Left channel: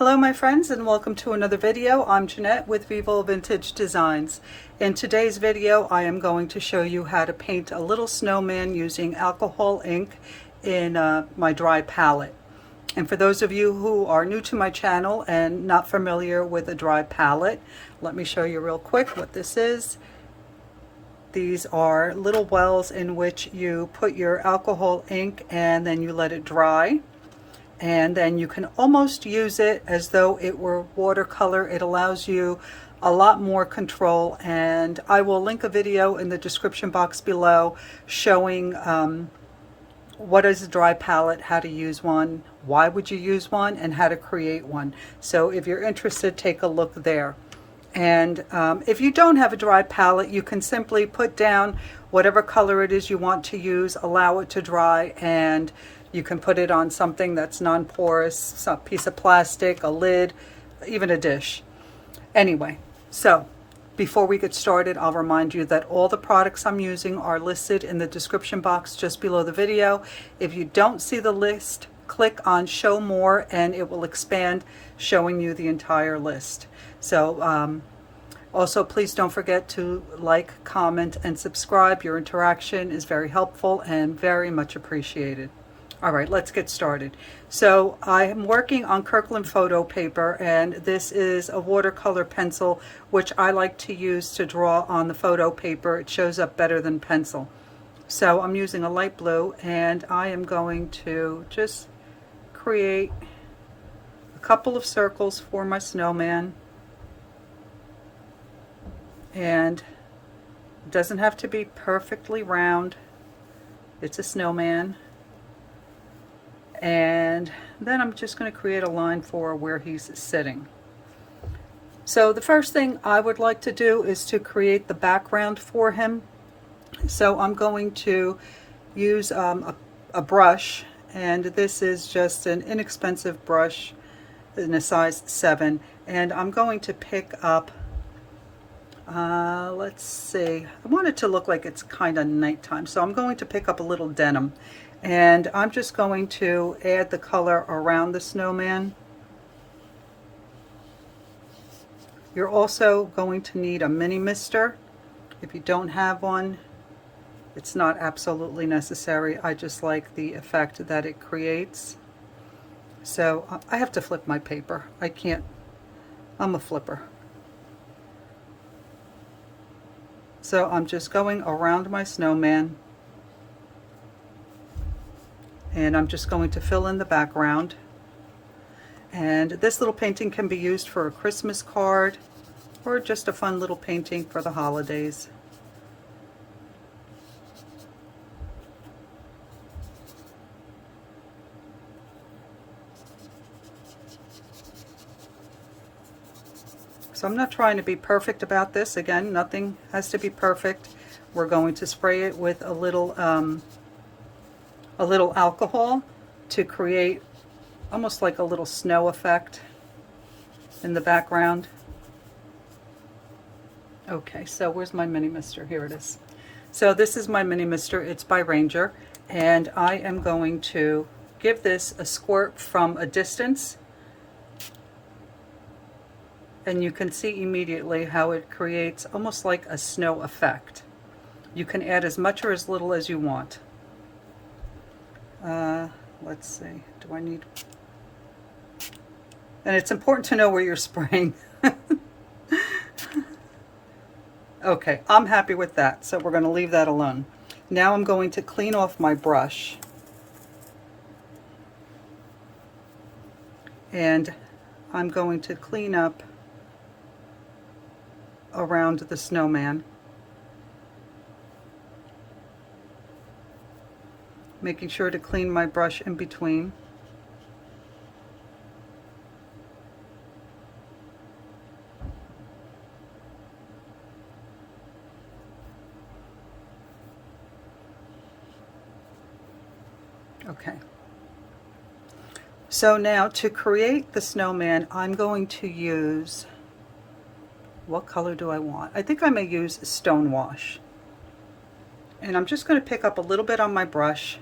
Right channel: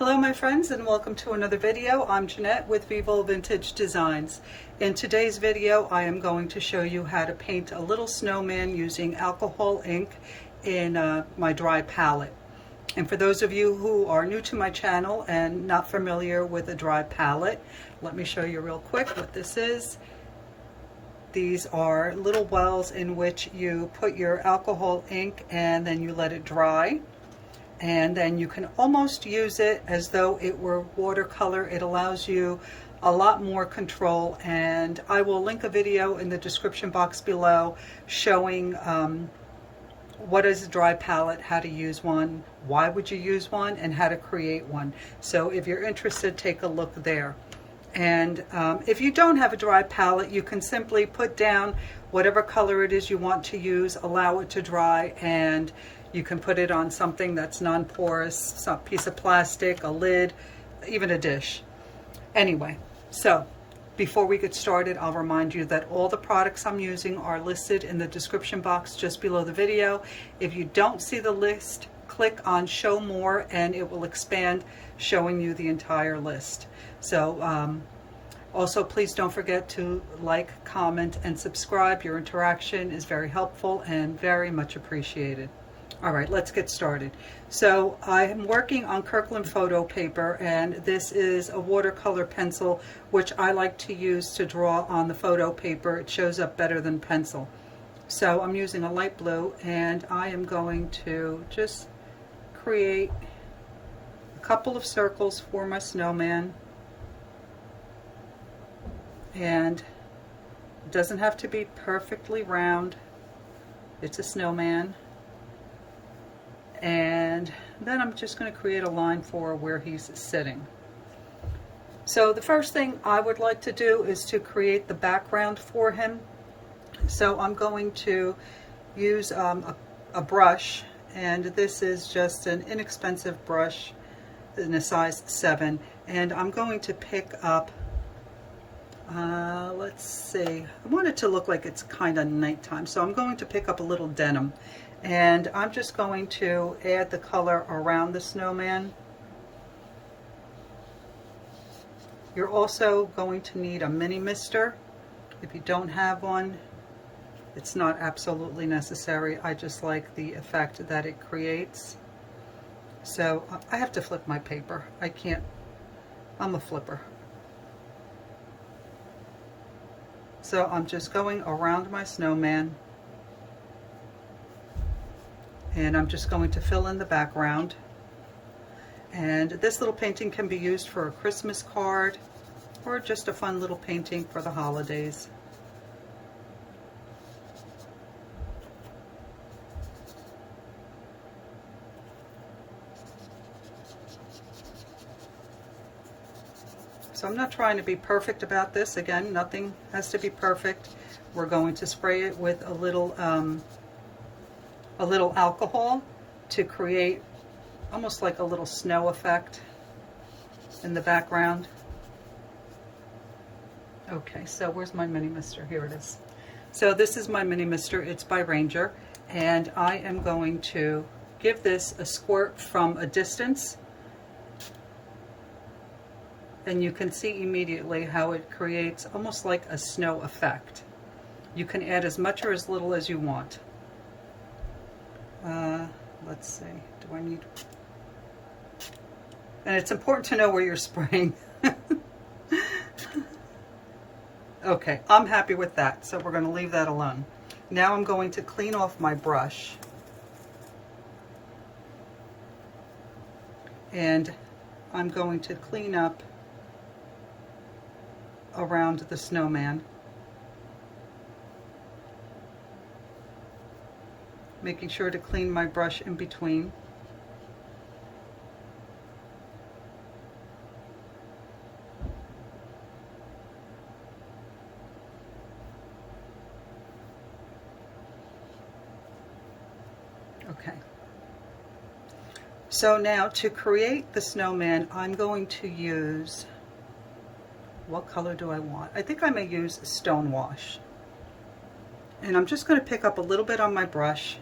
Hello my friends, and welcome to another video. I'm Jeanette with Vivo Vintage Designs. In today's video I am going to show you how to paint a little snowman using alcohol ink in my dry palette. And for those of you who are new to my channel and not familiar with a dry palette, let me show you real quick what this is. These are little wells in which you put your alcohol ink and then you let it dry. And then you can almost use it as though it were watercolor. It allows you a lot more control, and I will link a video in the description box below showing what is a dry palette, how to use one, why would you use one, and how to create one. So if you're interested, take a look there. And if you don't have a dry palette, you can simply put down whatever color it is you want to use, allow it to dry, and you can put it on something that's non-porous, some piece of plastic, a lid, even a dish. Anyway, so before we get started, I'll remind you that all the products I'm using are listed in the description box just below the video. If you don't see the list, click on Show More and it will expand, showing you the entire list. So also, please don't forget to like, comment, and subscribe. Your interaction is very helpful and very much appreciated. All right, let's get started. So I am working on KRYLON photo paper, and this is a watercolor pencil, which I like to use to draw on the photo paper. It shows up better than pencil. So I'm using a light blue, and I am going to just create a couple of circles for my snowman. And it doesn't have to be perfectly round. It's a snowman. And then I'm just going to create a line for where he's sitting. So the first thing I would like to do is to create the background for him. So I'm going to use a brush, and this is just an inexpensive brush in a size 7, and I'm going to pick up let's see, I want it to look like it's kind of nighttime, so I'm going to pick up a little denim. And I'm just going to add the color around the snowman. You're also going to need a mini mister. If you don't have one, it's not absolutely necessary. I just like the effect that it creates. So I have to flip my paper. I can't, I'm a flipper. So I'm just going around my snowman. And I'm just going to fill in the background. And this little painting can be used for a Christmas card or just a fun little painting for the holidays. So I'm not trying to be perfect about this. Again, nothing has to be perfect. We're going to spray it with a little alcohol to create almost like a little snow effect in the background. Okay, so where's my mini mister? Here it is. So this is my mini mister. It's by Ranger, and I am going to give this a squirt from a distance, and you can see immediately how it creates almost like a snow effect. You can add as much or as little as you want. Let's see, do I need, and it's important to know where you're spraying. Okay, I'm happy with that, so we're going to leave that alone. Now I'm going to clean off my brush, and I'm going to clean up around the snowman, making sure to clean my brush in between. Okay. So now to create the snowman, I'm going to use, what color do I want? I think I may use Stone Wash. And I'm just going to pick up a little bit on my brush,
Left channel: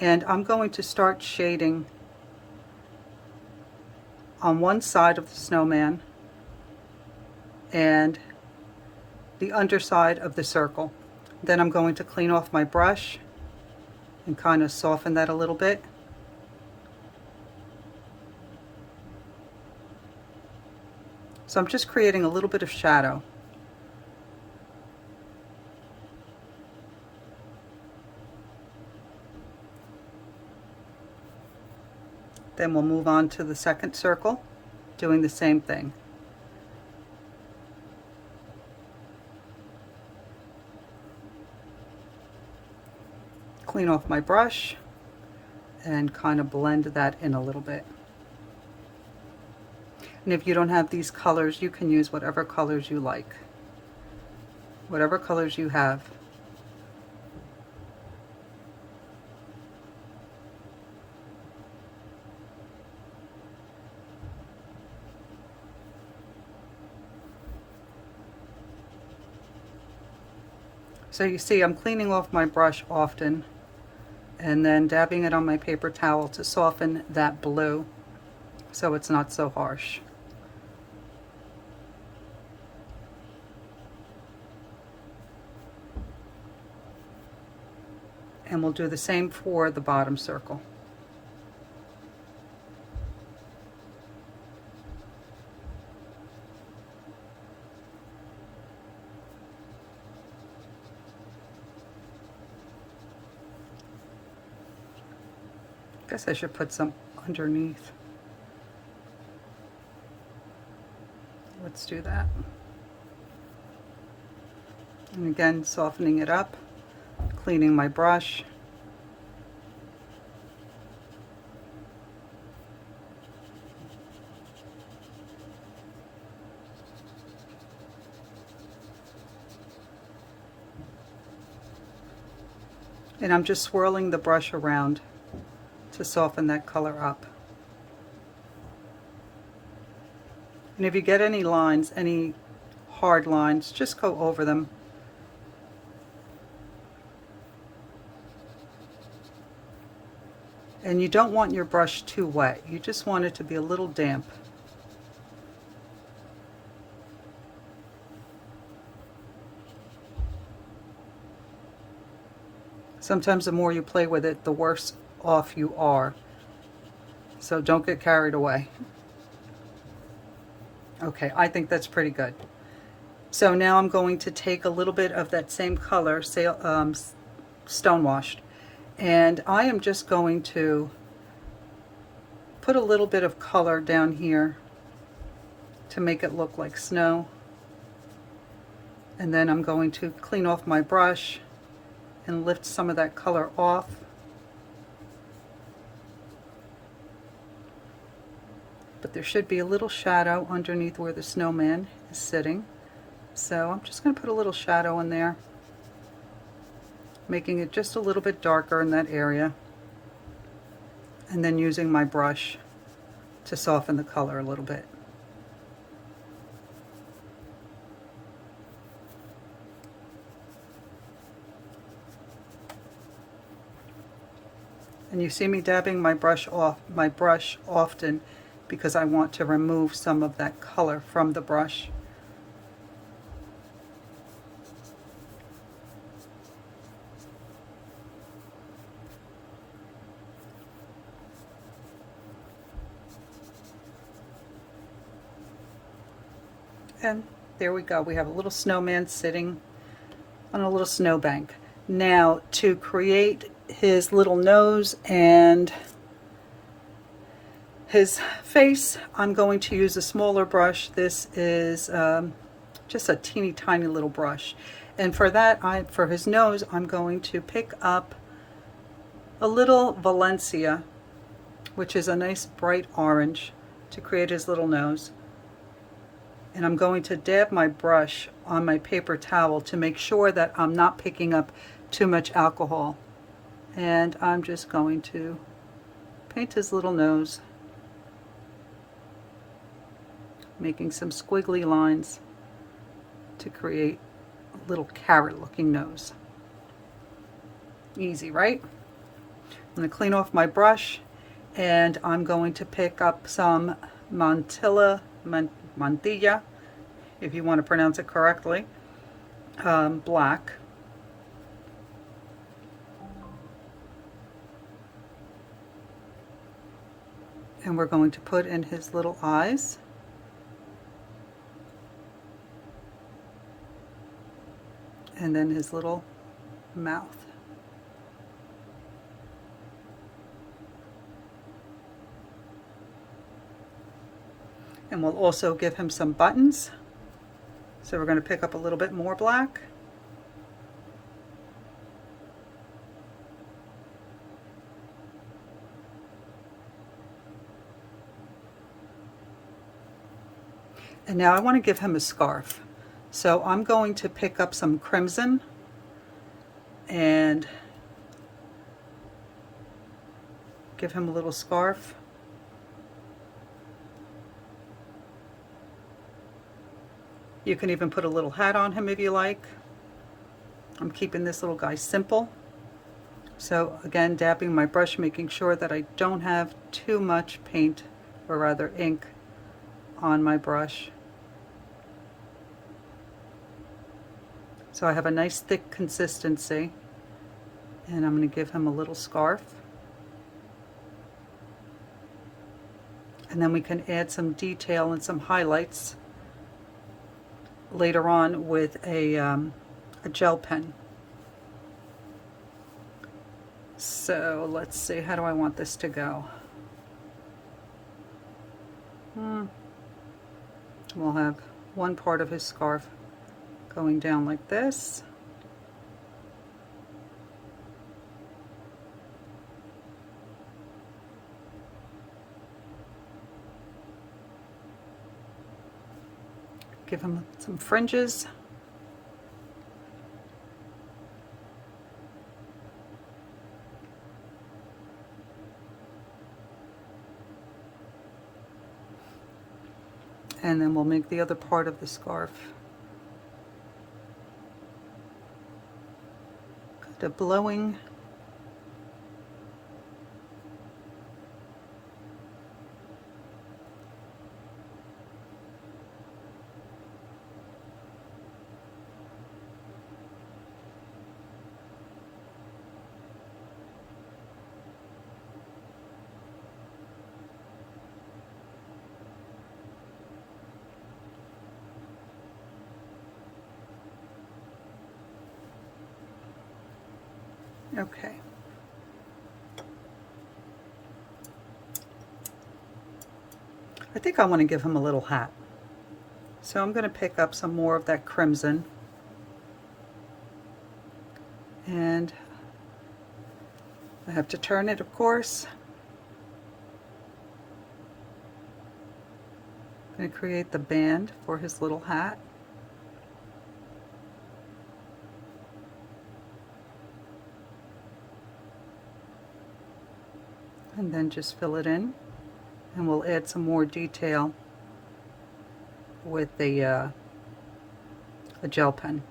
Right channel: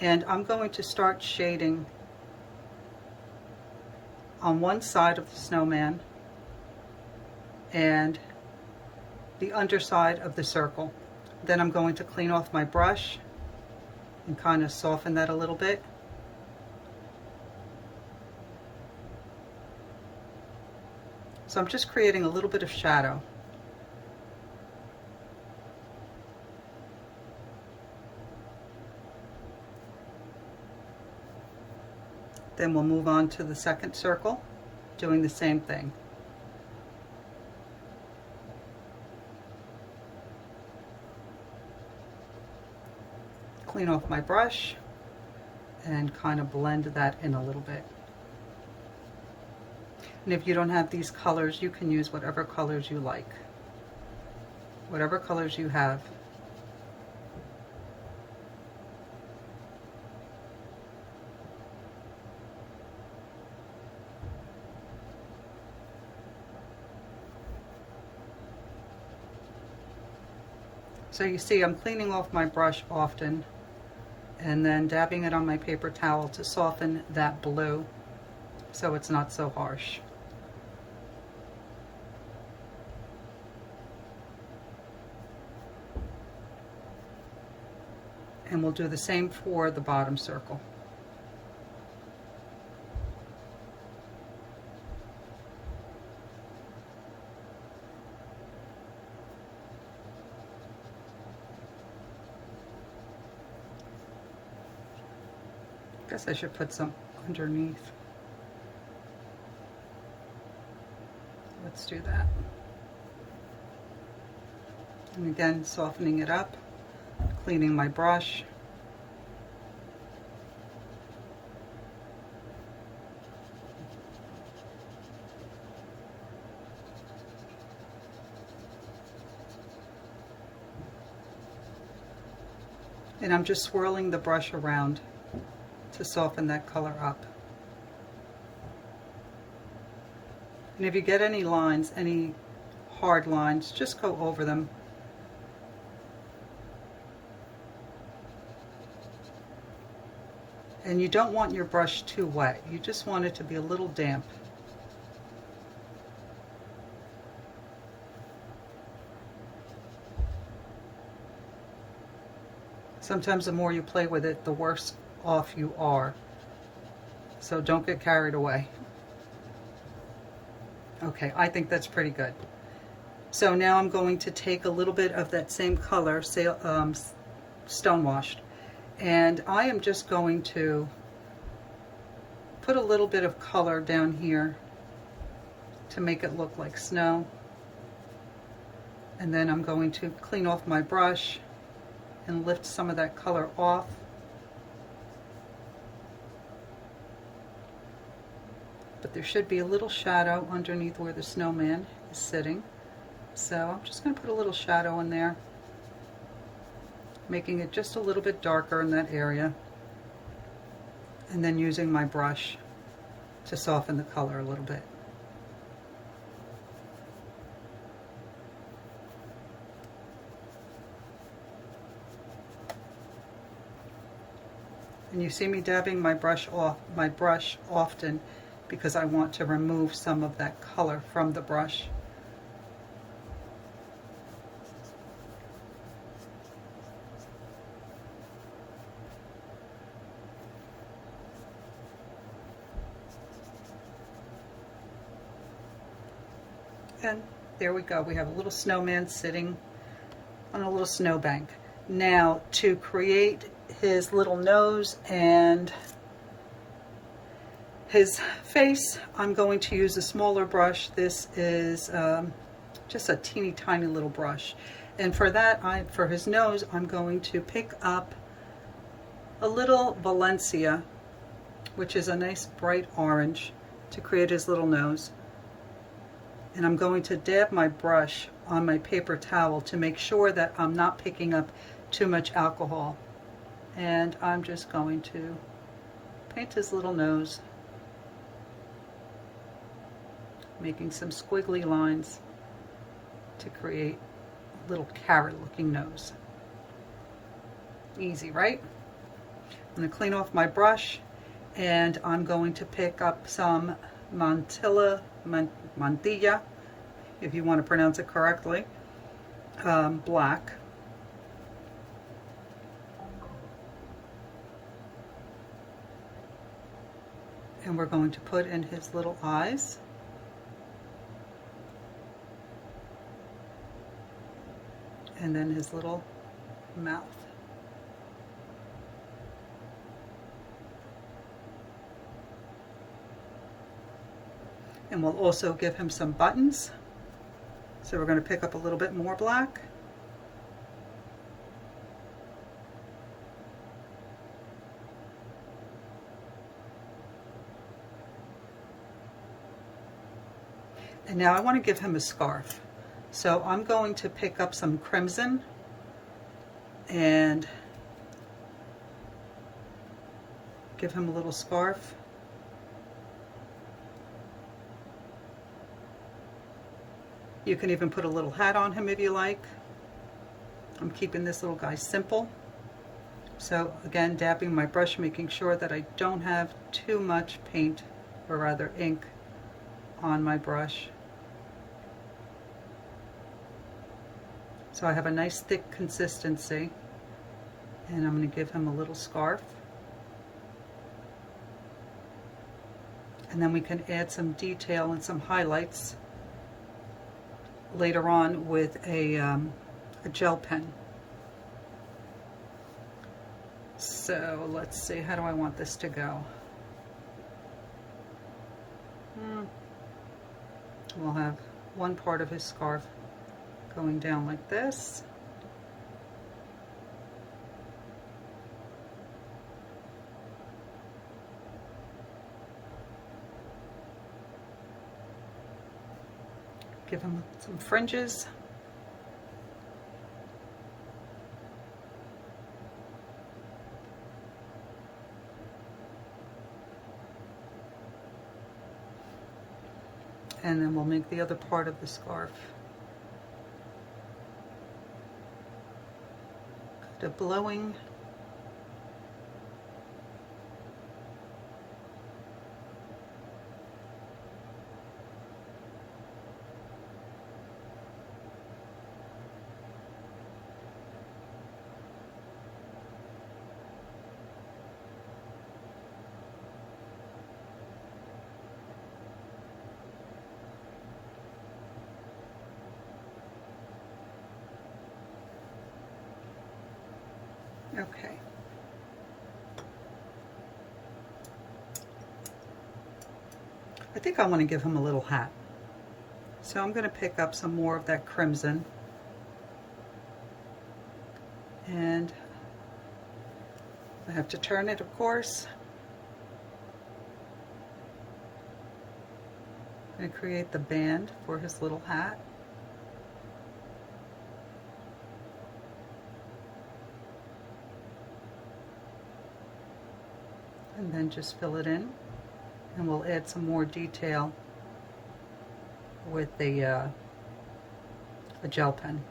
and I'm going to start shading on one side of the snowman and the underside of the circle. Then I'm going to clean off my brush and kind of soften that a little bit. So I'm just creating a little bit of shadow. Then we'll move on to the second circle, doing the same thing. Clean off my brush and kind of blend that in a little bit. And if you don't have these colors, you can use whatever colors you like, whatever colors you have. So you see I'm cleaning off my brush often and then dabbing it on my paper towel to soften that blue so it's not so harsh. And we'll do the same for the bottom circle. Guess I should put some underneath. Let's do that. And again, softening it up, cleaning my brush. And I'm just swirling the brush around to soften that color up. And if you get any lines, any hard lines, just go over them. And you don't want your brush too wet. You just want it to be a little damp. Sometimes the more you play with it, the worse off you are. So don't get carried away. Okay, I think that's pretty good. So now I'm going to take a little bit of that same color, Stonewashed, and I am just going to put a little bit of color down here to make it look like snow. And then I'm going to clean off my brush and lift some of that color off. But there should be a little shadow underneath where the snowman is sitting. So I'm just going to put a little shadow in there, making it just a little bit darker in that area, and then using my brush to soften the color a little bit. And you see me dabbing my brush often because I want to remove some of that color from the brush. And there we go. We have a little snowman sitting on a little snowbank. Now, to create his little nose and his face, I'm going to use a smaller brush. This is just a teeny tiny little brush. And for that, for his nose, I'm going to pick up a little Valencia, which is a nice bright orange, to create his little nose. And I'm going to dab my brush on my paper towel to make sure that I'm not picking up too much alcohol. And I'm just going to paint his little nose, making some squiggly lines to create a little carrot looking nose. Easy, right? I'm going to clean off my brush and I'm going to pick up some Mantilla, if you want to pronounce it correctly, black. And we're going to put in his little eyes. And then his little mouth. And we'll also give him some buttons. So we're going to pick up a little bit more black. And now I want to give him a scarf. So I'm going to pick up some crimson and give him a little scarf. You can even put a little hat on him if you like. I'm keeping this little guy simple. So again, dabbing my brush, making sure that I don't have too much paint, or rather ink, on my brush. So I have a nice thick consistency, and I'm going to give him a little scarf. And then we can add some detail and some highlights later on with a gel pen. So let's see, how do I want this to go? We'll have one part of his scarf going down like this. Give him some fringes. And then we'll make the other part of the scarf kind of blowing. Okay. I think I want to give him a little hat. So I'm going to pick up some more of that crimson. And I have to turn it, of course. I'm going to create the band for his little hat. And then just fill it in, and we'll add some more detail with the a gel pen.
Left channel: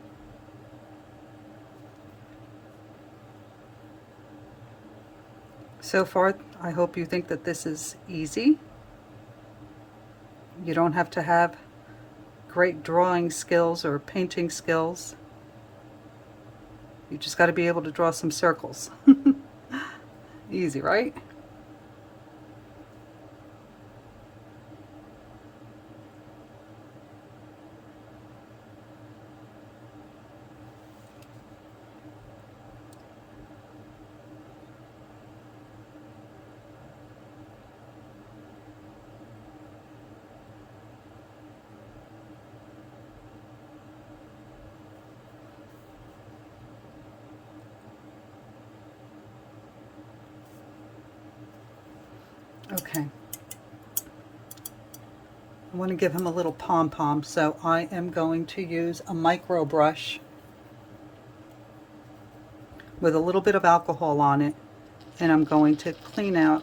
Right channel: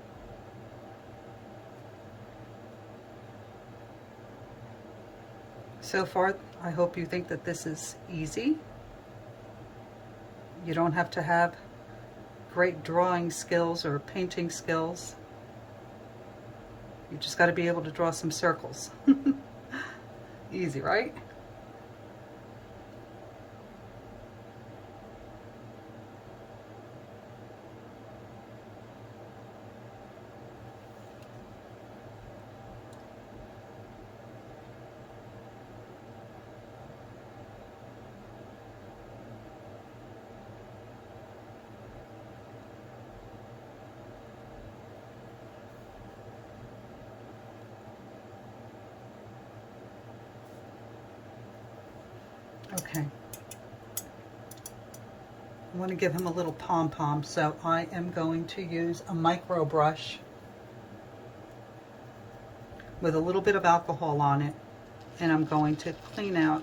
So far, I hope you think that this is easy. You don't have to have great drawing skills or painting skills. You just got to be able to draw some circles. Easy, right? Okay. I want to give him a little pom-pom, so I am going to use a micro brush with a little bit of alcohol on it, and I'm going to clean out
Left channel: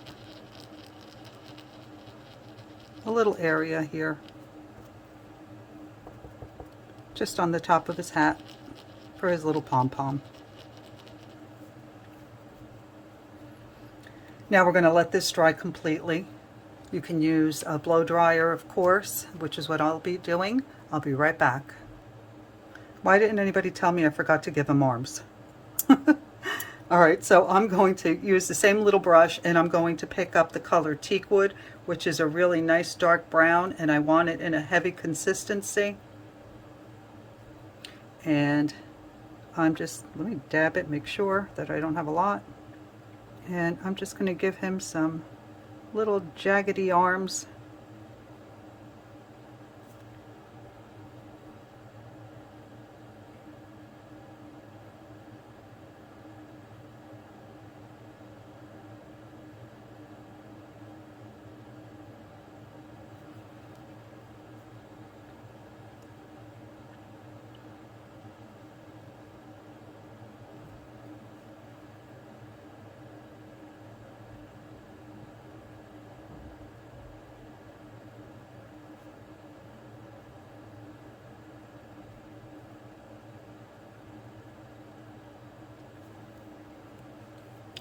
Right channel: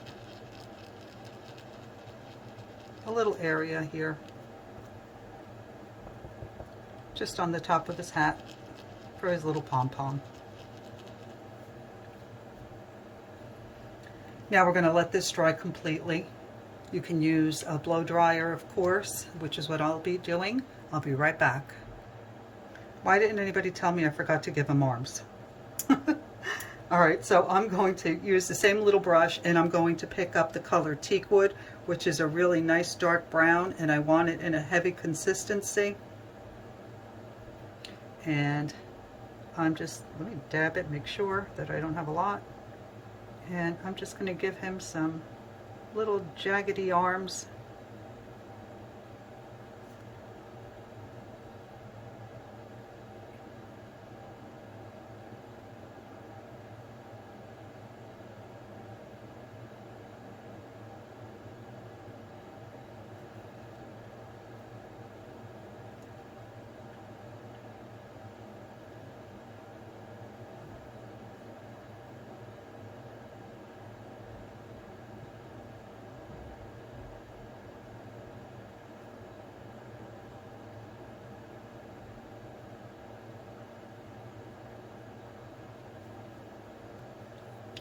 a little area here, just on the top of his hat for his little pom-pom. Now we're going to let this dry completely. You can use a blow dryer, of course, which is what I'll be doing. I'll be right back. Why didn't anybody tell me I forgot to give him arms? All right, so I'm going to use the same little brush, and I'm going to pick up the color Teakwood, which is a really nice dark brown, and I want it in a heavy consistency. And let me dab it, make sure that I don't have a lot. And I'm just going to give him some little jaggedy arms.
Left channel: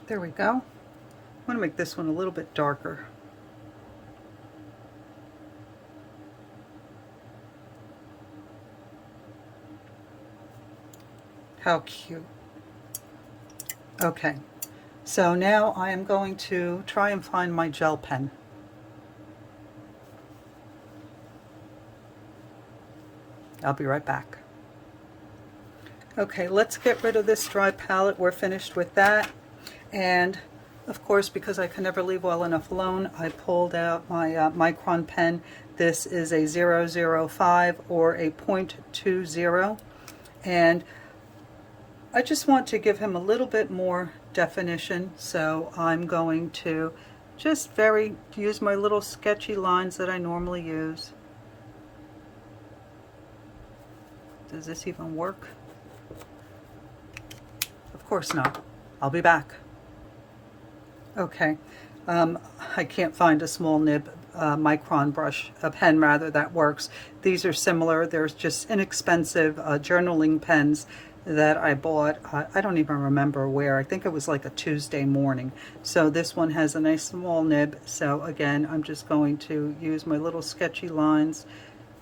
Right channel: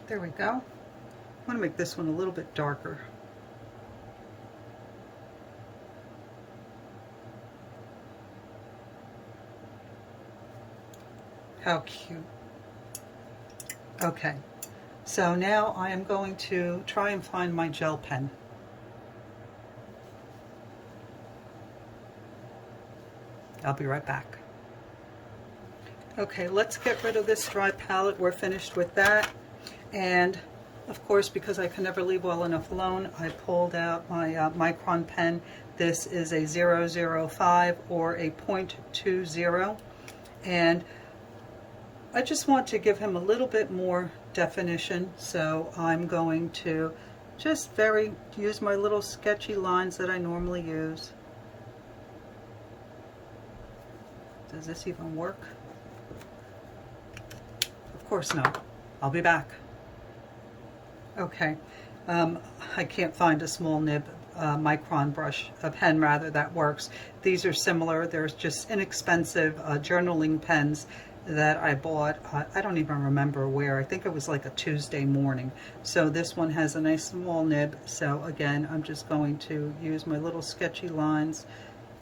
There we go. I want to make this one a little bit darker. How cute. Okay, so now I am going to try and find my gel pen. I'll be right back. Okay, let's get rid of this dry palette. We're finished with that. And of course, because I can never leave well enough alone, I pulled out my Micron pen. This is a 005 or a .20. And I just want to give him a little bit more definition. So I'm going to just use my little sketchy lines that I normally use. Does this even work? Of course not. I'll be back. Okay, I can't find a small nib Micron brush, a pen rather, that works. These are similar. There's just inexpensive journaling pens that I bought. I don't even remember where. I think it was like a Tuesday morning. So this one has a nice small nib. So again, I'm just going to use my little sketchy lines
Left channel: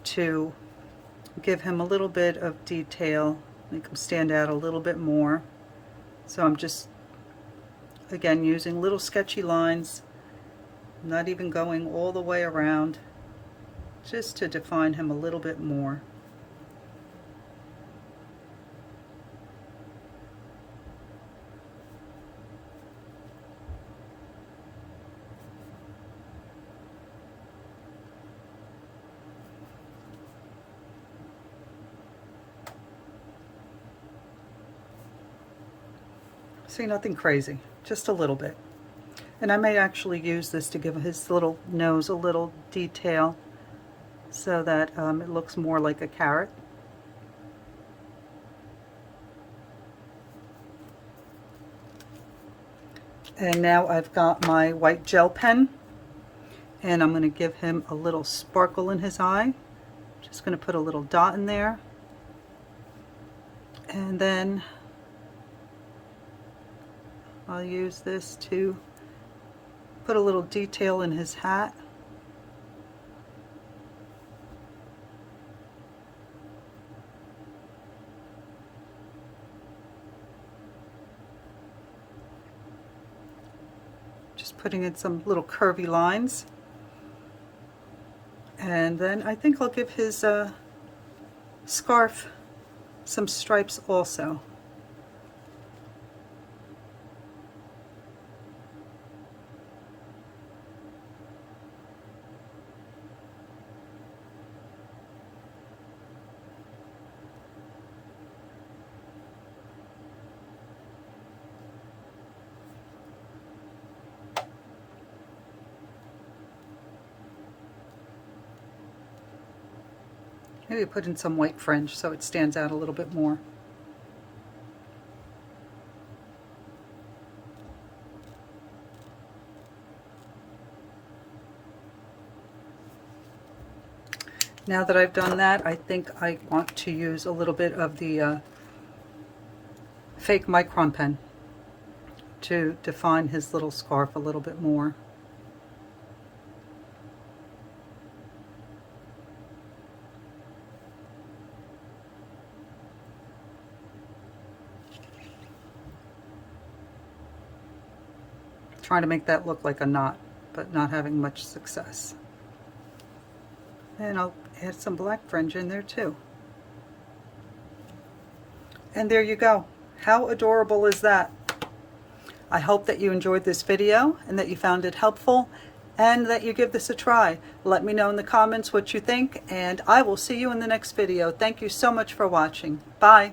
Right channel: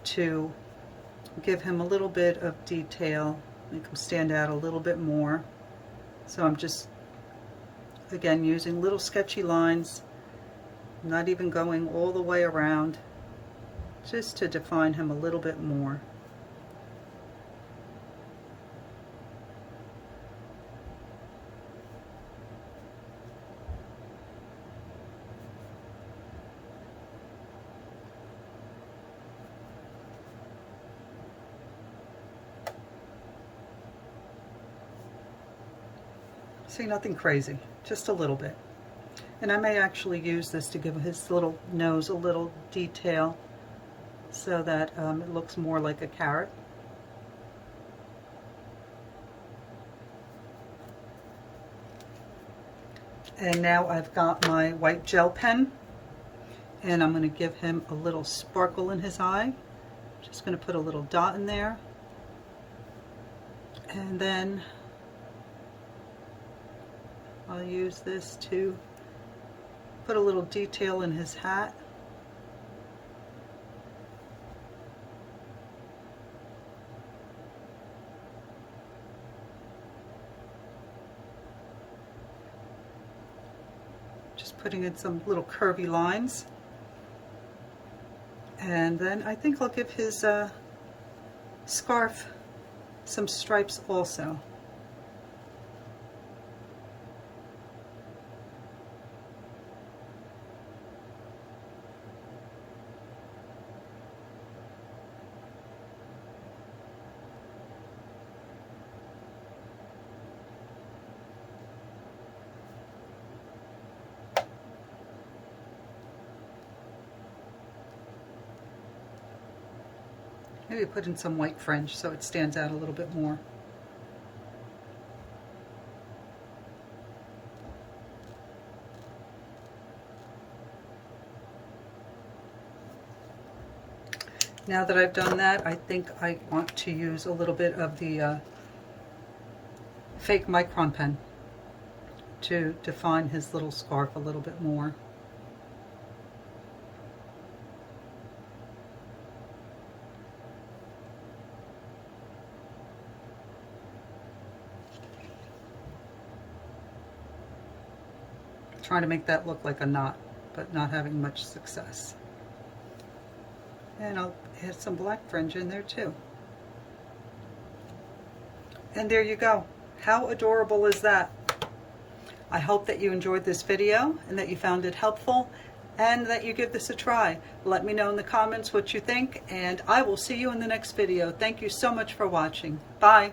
to give him a little bit of detail, make him stand out a little bit more. So I'm just, again, using little sketchy lines, not even going all the way around, just to define him a little bit more. See, nothing crazy, just a little bit. And I may actually use this to give his little nose a little detail so that it looks more like a carrot. And now I've got my white gel pen, and I'm going to give him a little sparkle in his eye. Just going to put a little dot in there. And then I'll use this to put a little detail in his hat. Just putting in some little curvy lines. And then I think I'll give his scarf some stripes also. Maybe put in some white fringe so it stands out a little bit more. Now that I've done that, I think I want to use a little bit of the fake Micron pen to define his little scarf a little bit more. trying to make that look like a knot, but not having much success. And I'll add some black fringe in there too. And there you go. How adorable is that? I hope that you enjoyed this video and that you found it helpful and that you give this a try. Let me know in the comments what you think, and I will see you in the next video. Thank you so much for watching. Bye.